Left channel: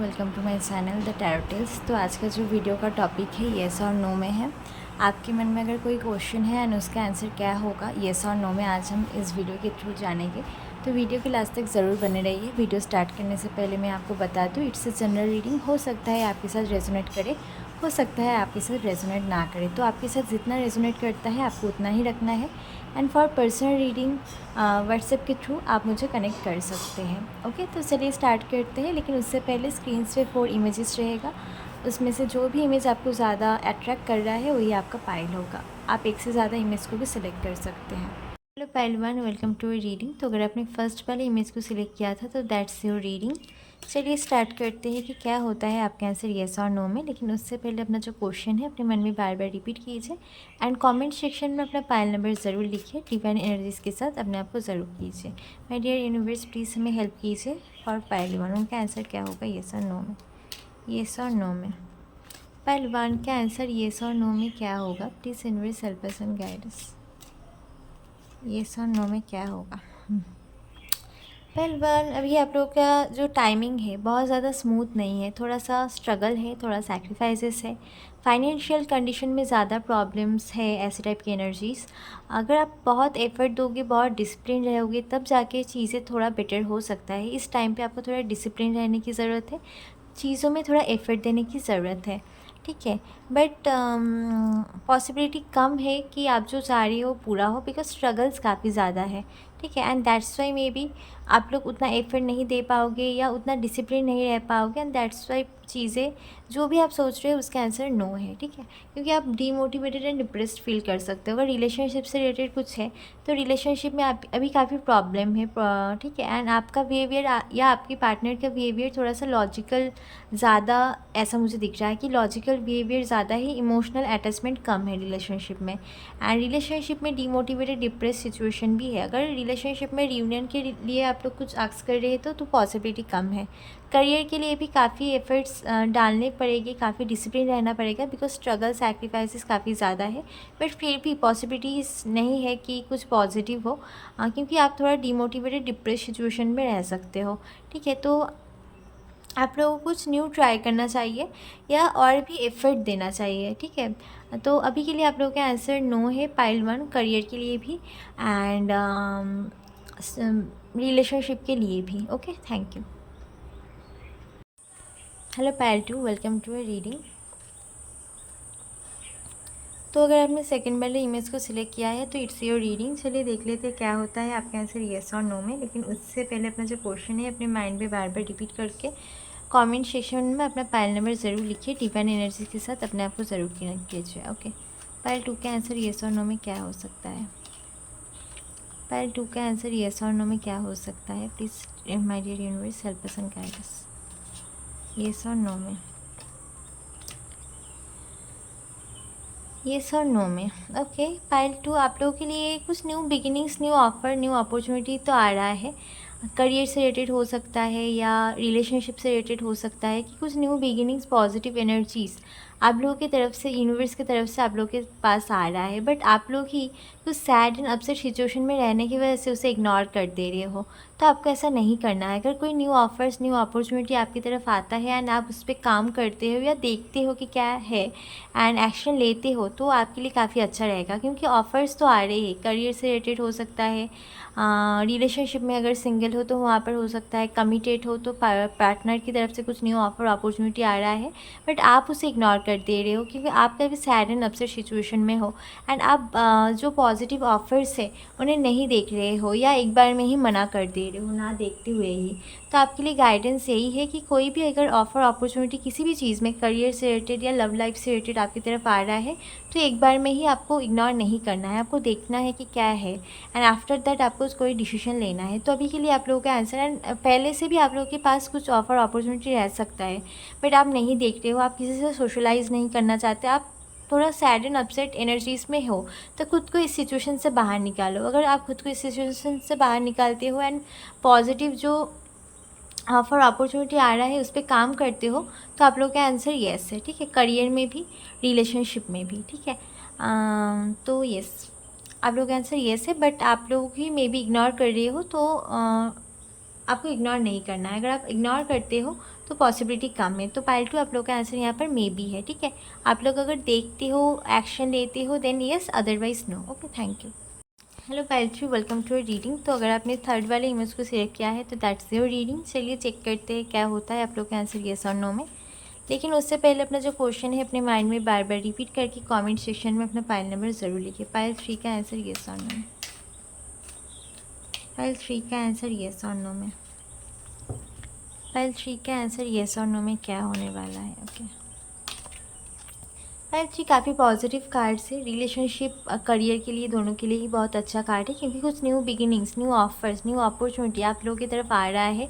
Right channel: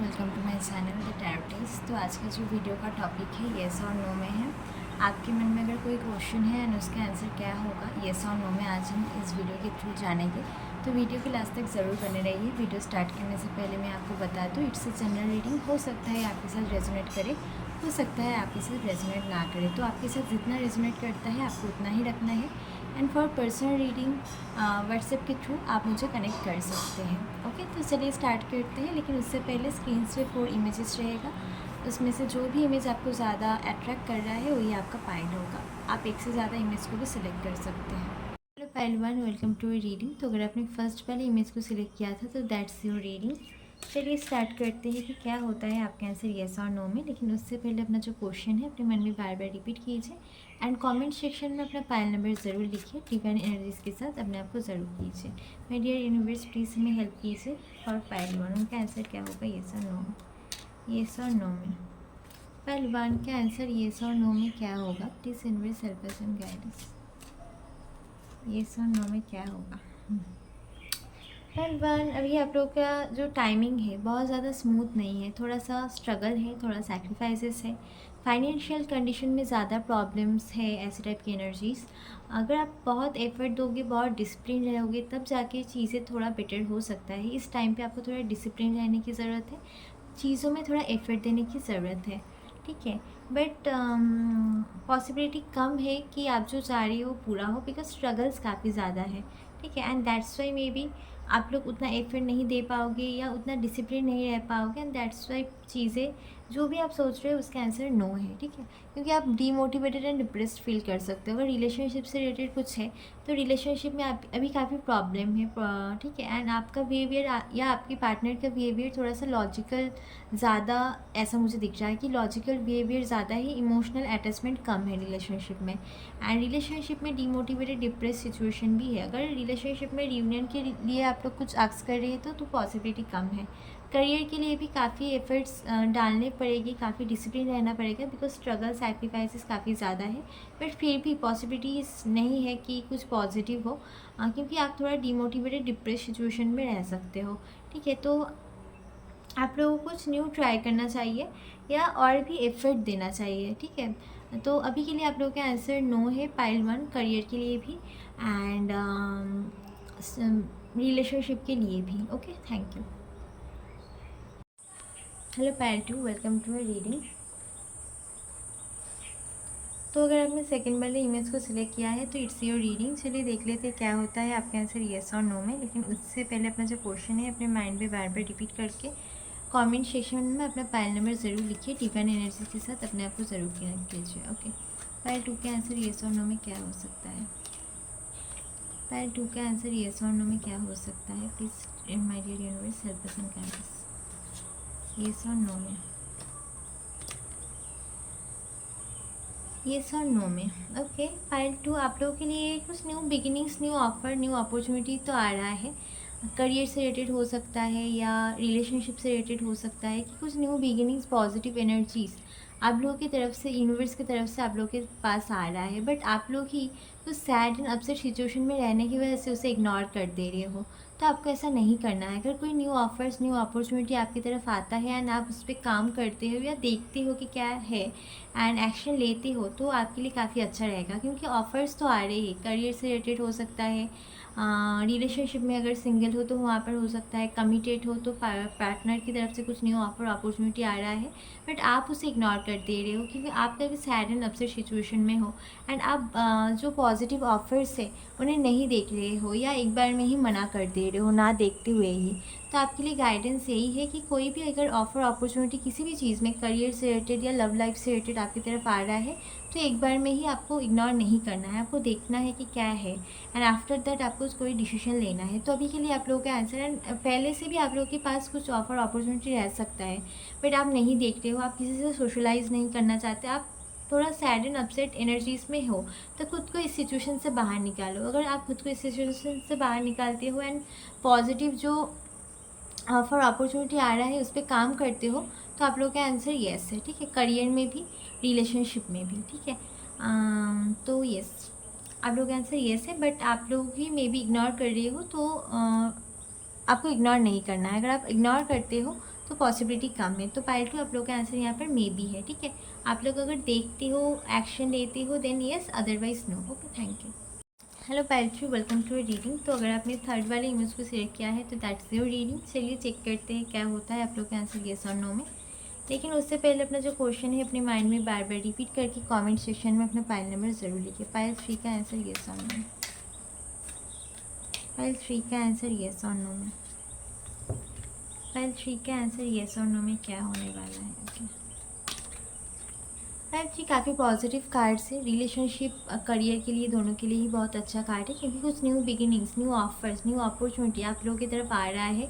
Welcome to my channel the tarotist. तो आज का जो वीडियो का टॉपिक है येस और नो में है। आपके मन में अगर कोई क्वेश्चन है एंड उसका आंसर क्या होगा येस और नो में, आज हम इस वीडियो के थ्रू जानेंगे। तो वीडियो के लास्ट तक ज़रूर बने रहिए। वीडियो स्टार्ट करने से पहले मैं आपको बता दूँ, इट्स अ जनरल रीडिंग। हो सकता है आपके साथ रेजोनेट करे, हो सकता है आपके साथ रेजोनेट ना करे। तो आपके साथ जितना रेजोनेट करता है आपको उतना ही रखना है। And for personal reading WhatsApp के थ्रू आप मुझे कनेक्ट कर सकते हैं। ओके, तो चलिए स्टार्ट करते हैं। लेकिन उससे पहले स्क्रीन पे 4 इमेजेस रहेगा, उसमें से जो भी इमेज आपको ज़्यादा अट्रैक्ट कर रहा है वही आपका पाइल होगा। आप एक से ज़्यादा इमेज को भी सिलेक्ट कर सकते हैं। Hello pile one, welcome to reading. तो अगर आपने फर्स्ट वाले इमेज को सिलेक्ट किया था तो दैट्स योर रीडिंग। चलिए स्टार्ट करते हैं कि क्या होता है आपके आंसर येस और नो में। लेकिन उससे पहले अपना जो क्वेश्चन है अपने मन में बार बार रिपीट कीजिए एंड कमेंट सेक्शन में अपना पाइल नंबर ज़रूर लिखिए। डिवाइन एनर्जीज़ के साथ अपने आप को ज़रूर कीजिए। माय डियर यूनिवर्स, प्लीज़ हमें हेल्प कीजिए। और पाइल वन, उनका आंसर क्या होगा येस और नो में? येस और नो में पाइल वन का आंसर येस और नो में क्या होगा? Please universe help us and guide us. Yes और नो में क्या होगा? वेल अभी आप लोगों का जो टाइमिंग है बहुत ज़्यादा स्मूथ नहीं है, थोड़ा सा स्ट्रगल है, थोड़ा सैक्रिफाइसेस है, फाइनेंशियल कंडीशन में ज़्यादा प्रॉब्लम्स है, ऐसे टाइप की एनर्जीज़। अगर आप बहुत एफर्ट दोगे, बहुत डिसिप्लिन रहोगे, तब जाके चीज़ें थोड़ा बेटर हो सकता है। इस टाइम पे आपको थोड़ा डिसिप्लिन रहने की ज़रूरत है, चीज़ों में थोड़ा एफर्ट देने की ज़रूरत है, ठीक है। बट पॉसिबिलिटी कम है कि आप जो चाह रही हो पूरा हो, बिकॉज स्ट्रगल्स काफ़ी ज़्यादा है, ठीक है। And that's why may be आप लोग उतना एफर्ट नहीं दे पाओगे या उतना डिसिप्लिन नहीं रह पाओगे। एंड दैट्स वाई चीज़ें जो भी आप सोच रहे हो उसका आंसर नो है, ठीक है। क्योंकि आप डीमोटिवेटेड एंड डिप्रेस्ड फील कर सकते हो। अगर रिलेशनशिप से रिलेटेड कुछ है तो रिलेशनशिप में आप अभी काफ़ी प्रॉब्लम है, ठीक है। एंड आपका बिहेवियर या आपके पार्टनर का बिहेवियर थोड़ा सा लॉजिकल ज़्यादा, ऐसा मुझे दिख रहा है कि लॉजिकल बिहेवियर ज़्यादा ही, इमोशनल अटैचमेंट कम है रिलेशनशिप में। एंड रिलेशनशिप में डीमोटिवेटेड डिप्रेस सिचुएशन भी है। अगर रिलेशनशिप में रियूनियन के लिए आप लोग कुछ आस्क कर रहे हो तो पॉसिबिलिटी कम है। करियर के लिए भी काफ़ी एफर्ट्स डालने पड़ेंगे, काफ़ी डिसिप्लिन रहना पड़ेगा, बिकॉज स्ट्रगल सैक्रिफाइसेस काफ़ी ज़्यादा है। बट फिर भी पॉसिबिलिटीज़ नहीं है कि कुछ पॉजिटिव हो, क्योंकि आप थोड़ा डीमोटिवेटेड डिप्रेस सिचुएशन में रह सकते हो, ठीक है। तो आप लोगों को कुछ न्यू ट्राई करना चाहिए या और भी एफर्ट देना चाहिए, ठीक है। तो अभी के लिए आप लोगों का आंसर नो है पाइल वन, करियर के लिए भी एंड रिलेशनशिप के लिए भी। Okay, thank you. Hello pile two, welcome to a reading. तो अगर आपने सेकंड वाले इमेज को सिलेक्ट किया है तो इट्स योर रीडिंग। चलिए देख लेते हैं क्या होता है आपके आंसर येस और नो में। लेकिन उससे पहले अपना जो क्वेश्चन है अपने माइंड में बार बार रिपीट करके कमेंट सेक्शन में अपना पाइल नंबर ज़रूर लिखिए। डिवाइन एनर्जी के साथ अपने आप को ज़रूर कनेक्ट कीजिए। ओके, पाइल टू का आंसर येस और नो में क्या हो सकता है? पाइल टू का आंसर येस और नो में क्या हो सकता है? Please my dear universe help us and guide us. Yes और नो में, येस और नो में। ओके पाइल टू, आप लोगों के लिए कुछ new beginnings, new offer, new opportunity तो आ रहा है। करियर से रिलेटेड हो सकता है या रिलेशनशिप से रिलेटेड हो सकता है कि कुछ न्यू बिगिनिंग्स, पॉजिटिव एनर्जीज आप लोगों की तरफ से, यूनिवर्स की तरफ से आप लोगों के पास आ रहा है। बट आप लोग ही कुछ सैड एंड अपसेट सिचुएशन में रहने की वजह से उसे इग्नोर कर दे रहे हो। तो आपको ऐसा नहीं करना है। अगर कोई न्यू ऑफर्स, न्यू अपॉर्चुनिटी आपकी तरफ आता है एंड आप उस पर काम करते हो या देखते हो कि क्या है एंड एक्शन लेते हो तो आपके लिए काफ़ी अच्छा रहेगा। क्योंकि ऑफ़र्स तो आ रहे हैं, करियर से रिलेटेड हो सकता है, रिलेशनशिप में अगर सिंगल हो तो वहाँ पर हो सकता है, कमिटेड हो तो पार्टनर की तरफ से कुछ न्यू ऑफर, अपॉर्चुनिटी आ रहा है। बट आप उसे इग्नोर कर दे रहे हो क्योंकि आप कभी सैड एंड अपसेट सिचुएशन में हो एंड आप जो पॉजिटिव ऑफर्स है उन्हें नहीं देख रहे हो या एक बार में ही मना कर दे रहे हो, ना देखते हुए ही। तो आपके लिए गाइडेंस यही है कि कोई भी अगर ऑफ़र, अपॉर्चुनिटी किसी भी चीज़ में, करियर से रिलेटेड या लव लाइफ से रिलेटेड आपकी तरफ आ रहा है तो एक बार में ही आपको इग्नोर नहीं करना है। आपको देखना है कि क्या है एंड आफ्टर दैट आपको कोई डिसीजन लेना है। तो अभी के लिए आप लोगों का आंसर, एंड पहले से भी आप लोगों के पास कुछ ऑफ़र, अपॉर्चुनिटी रह सकता है बट आप नहीं देखते हो, आप किसी से सोशलाइज़ नहीं करना चाहते, आप थोड़ा सैड एंड अपसेट एनर्जीज़ में हो। तो खुद को इस सिचुएशन से बाहर निकालो। अगर आप खुद को इस सिचुएशन से बाहर निकालते हो एंड पॉजिटिव जो ऑफर, अपॉर्चुनिटी आ रहा है उस पर काम करते हो तो आप लोगों का आंसर येस है, ठीक है। करियर में भी, रिलेशनशिप में भी, ठीक है। तो येस, आप लोगों का आंसर येस है। बट आप लोग ही मे बी इग्नोर कर रहे हो तो आपको इग्नोर नहीं करना है। अगर आप इग्नोर करते हो तो पॉसिबिलिटी कम है। तो पाइल 2 आप लोग का आंसर यहाँ पर मे बी है। ठीक है, आप लोग अगर देखते हो, एक्शन लेते हो, then yes, otherwise no. Okay, thank you. Hello pile 3, welcome to your reading. तो अगर आपने थर्ड वाले इमेज को सिलेक्ट किया है तो दैट्स योर रीडिंग। चलिए चेक करते हैं क्या होता है आप लोग का आंसर येस और नो में। लेकिन उससे पहले अपना जो क्वेश्चन है अपने माइंड में बार बार रिपीट करके कमेंट सेक्शन में अपना पाइल नंबर ज़रूर लिखिए। पाइल 3 का आंसर येस और नो में। पाइल 3 का आंसर येस और नो में। पाइल 3 का आंसर येस और नो में क्या होने वाला है। ओके, पाइल 3 काफ़ी पॉजिटिव कार्ड है। रिलेशनशिप करियर के लिए दोनों के लिए ही बहुत अच्छा कार्ड है, क्योंकि कुछ new beginnings, new offers, new opportunity आप लोगों की तरफ आ रहा है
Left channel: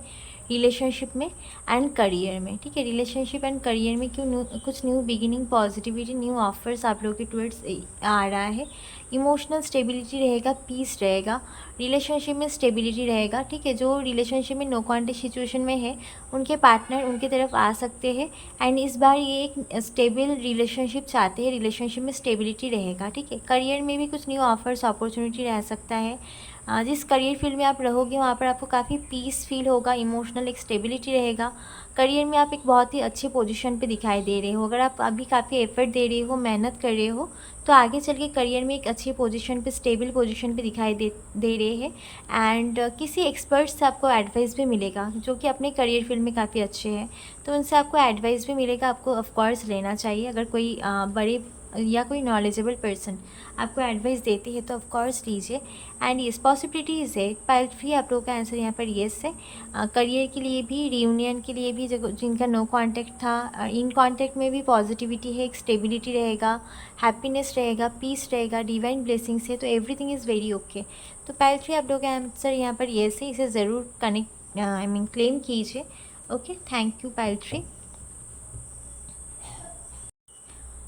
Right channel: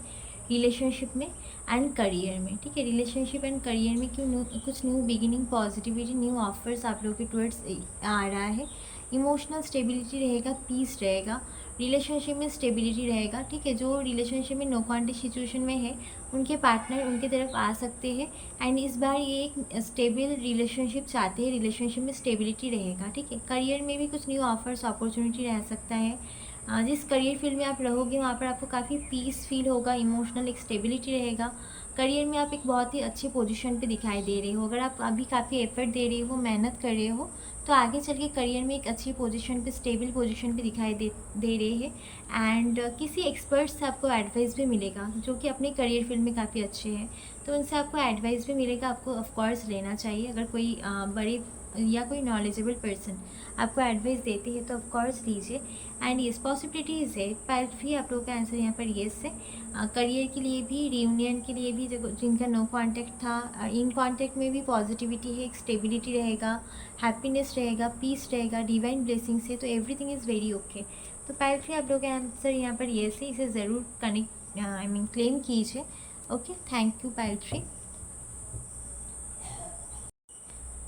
रिलेशनशिप में एंड करियर में। ठीक है, रिलेशनशिप एंड करियर में कुछ new beginning, positivity, new offers आप लोगों के टुवर्ड्स आ रहा है। इमोशनल स्टेबिलिटी रहेगा, पीस रहेगा, रिलेशनशिप में स्टेबिलिटी रहेगा। ठीक है, जो रिलेशनशिप में नो कॉन्टेक्ट सिचुएशन में है उनके पार्टनर उनके तरफ आ सकते हैं एंड इस बार ये एक स्टेबल रिलेशनशिप चाहते हैं, रिलेशनशिप में स्टेबिलिटी रहेगा। ठीक है, करियर में भी कुछ न्यू ऑफर्स, अपॉर्चुनिटी रह सकता है। जिस करियर फील्ड में आप रहोगे वहाँ पर आपको काफ़ी पीस फील होगा, इमोशनल एक स्टेबिलिटी रहेगा। करियर में आप एक बहुत ही अच्छे पोजीशन पे दिखाई दे रहे हो। अगर आप अभी काफ़ी एफर्ट दे रहे हो, मेहनत कर रहे हो, तो आगे चल के करियर में एक अच्छी पोजीशन पे, स्टेबल पोजीशन पे दिखाई दे रहे हैं। एंड किसी एक्सपर्ट से आपको एडवाइस भी मिलेगा जो कि अपने करियर फील्ड में काफ़ी अच्छे हैं, तो उनसे आपको एडवाइस भी मिलेगा। आपको ऑफकोर्स लेना चाहिए। अगर कोई बड़े या कोई नॉलेजेबल पर्सन आपको एडवाइस देती है तो ऑफकोर्स लीजिए। एंड येस, पॉसिबिलिटीज़ है। पाइल 3 आप लोगों का आंसर यहाँ पर येस है। करियर के लिए भी, रियूनियन के लिए भी, जिनका नो कांटेक्ट था, इन कांटेक्ट में भी पॉजिटिविटी है, एक स्टेबिलिटी रहेगा, हैप्पीनेस रहेगा, पीस रहेगा, डिवाइन ब्लेसिंग्स है, तो एवरीथिंग इज़ वेरी ओके। तो पाइल 3 आप लोगों का आंसर यहाँ पर येस है। इसे ज़रूर कनेक्ट क्लेम कीजिए। Okay, thank you pile 3।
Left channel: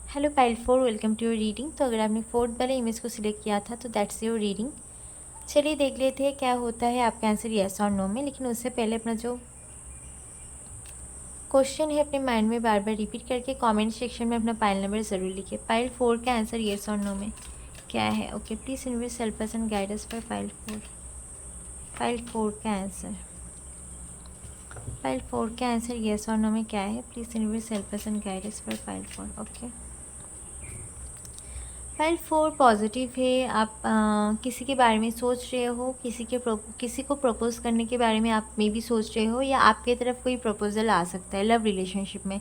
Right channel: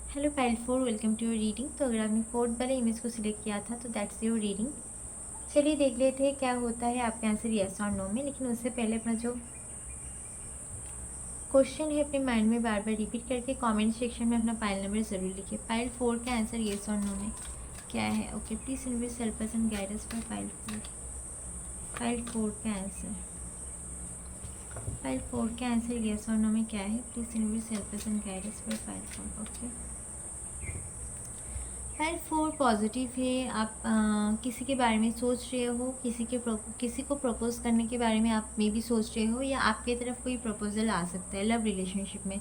Hello pile 4, welcome to your reading. तो अगर आपने फोर्थ वाले इमेज को सिलेक्ट किया था तो दैट्स योर रीडिंग। चलिए देख लेते हैं क्या होता है आपका आंसर येस और नो में। लेकिन उससे पहले अपना जो क्वेश्चन है अपने माइंड में बार बार रिपीट करके कमेंट सेक्शन में अपना पाइल नंबर ज़रूर लिखिए। पाइल 4 का आंसर येस और नो में क्या है। Okay, please universe help us and guide us for pile 4। Pile 4 का आंसर, पाइल 4 का आंसर येस और नो में क्या है। Please universe help us and guide us for pile 4। Okay, pile 4 positive है। आप किसी के बारे में सोच रहे हो, किसी को प्रपोज करने के बारे में आप मे भी सोच रहे हो, या आपके तरफ कोई प्रपोजल आ सकता है लव रिलेशनशिप में।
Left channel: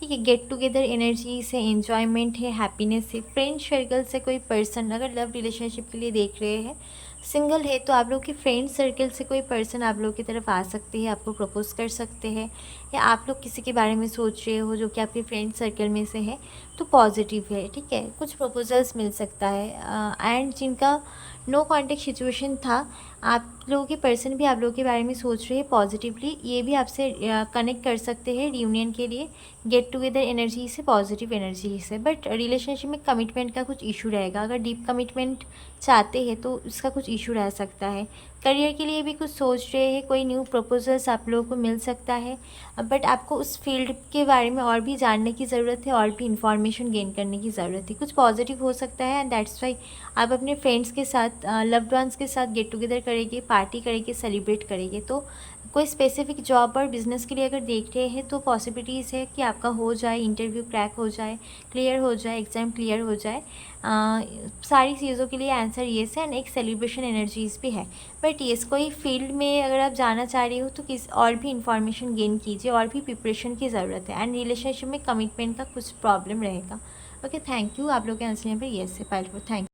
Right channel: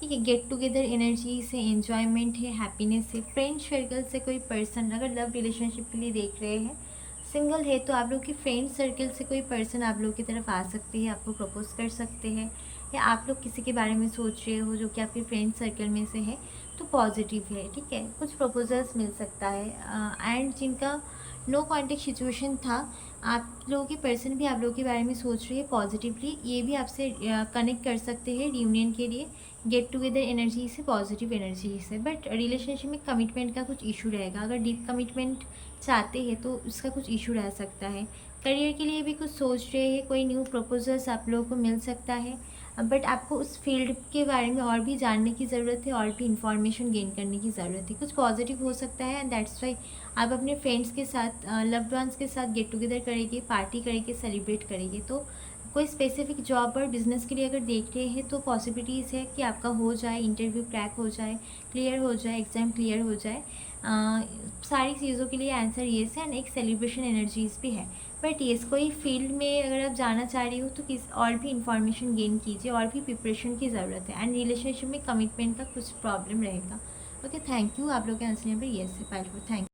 ठीक है, गेट टुगेदर एनर्जी से एन्जॉयमेंट है, हैप्पीनेस है। फ्रेंड सर्कल से कोई पर्सन अगर लव रिलेशनशिप के लिए देख रहे हैं, सिंगल है तो आप लोग के फ्रेंड सर्कल से कोई पर्सन आप लोग की तरफ आ सकते हैं, आपको प्रपोज कर सकते हैं, या आप लोग किसी के बारे में सोच रहे हो जो कि आपके फ्रेंड सर्कल में से है, तो पॉजिटिव है। ठीक है, कुछ प्रपोजल्स मिल सकता है। एंड जिनका नो कॉन्टेक्ट सिचुएशन था, आप लोगों के पर्सन भी आप लोगों के बारे में सोच रहे हैं पॉजिटिवली, ये भी आपसे कनेक्ट कर सकते हैं रियूनियन के लिए, गेट टुगेदर एनर्जी से, पॉजिटिव एनर्जी से। बट रिलेशनशिप में कमिटमेंट का कुछ इशू रहेगा। अगर डीप कमिटमेंट चाहते हैं तो उसका कुछ इशू रह सकता है। करियर के लिए भी कुछ सोच रहे हैं, कोई न्यू प्रपोजल्स आप लोगों को मिल सकता है, बट आपको उस फील्ड के बारे में और भी जानने की ज़रूरत है, और भी इन्फॉर्मेशन गेन करने की ज़रूरत है। कुछ पॉजिटिव हो सकता है एंड दैट्स वाई आप अपने फ्रेंड्स के साथ, लव्ड वंस के साथ गेट टुगेदर करेंगे, पार्टी करेंगे, सेलिब्रेट करेंगे। तो कोई स्पेसिफिक जॉब और बिजनेस के लिए अगर देख रहे हैं तो पॉसिबिलिटीज़ है कि आपका हो जाए, इंटरव्यू क्रैक हो जाए, क्लियर हो जाए, एग्ज़ाम क्लियर हो जाए। सारी चीज़ों के लिए आंसर येस है एंड एक सेलिब्रेशन एनर्जीज भी है। बट येस, कोई फील्ड में अगर आप जाना चाह रही हो तो किस और भी इंफॉर्मेशन गेन कीजिए, और भी प्रिपरेशन की ज़रूरत है। एंड रिलेशनशिप में कमिटमेंट का कुछ प्रॉब्लम रहेगा। Okay, thank you. आप लोग के आंसर यहाँ पर येस है। Pile 4, thank you.